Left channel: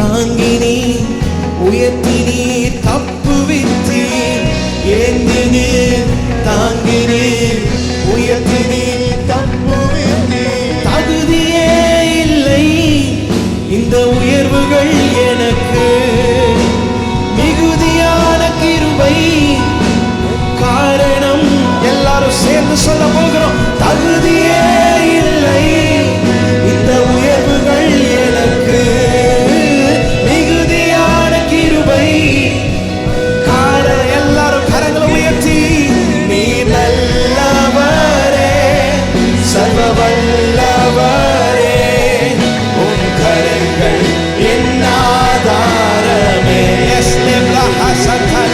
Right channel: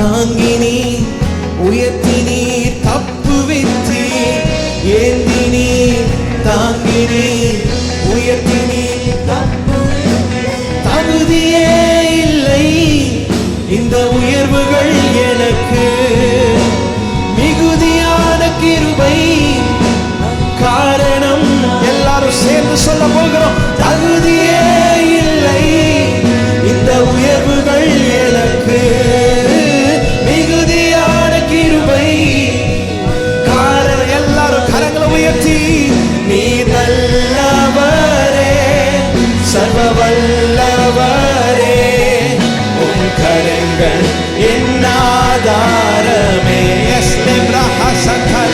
தாங்கினி உயர்த்தினி தப்புவித்தி ஏந்தினி தாங்கினி உயர்த்தினி தகுதியே இல்லை இந்த உயர்வுகள் எனக்கு, மிகுதியான கிருபை காரணம். எல்லாரும் சேர்ந்து சொல்ல போகிறோம். தகுதியே இல்லை இந்த உயர்வுகள் எனக்கு, மிகுதியான கிருபை காரணம். எல்லாரும் கரங்களை உயர்த்தி நீர் நல்லவரே சர்வ வல்லவரே உம் கரங்கள் என் ஆதாரமே. எஸ் லேப்ரா ஹசதல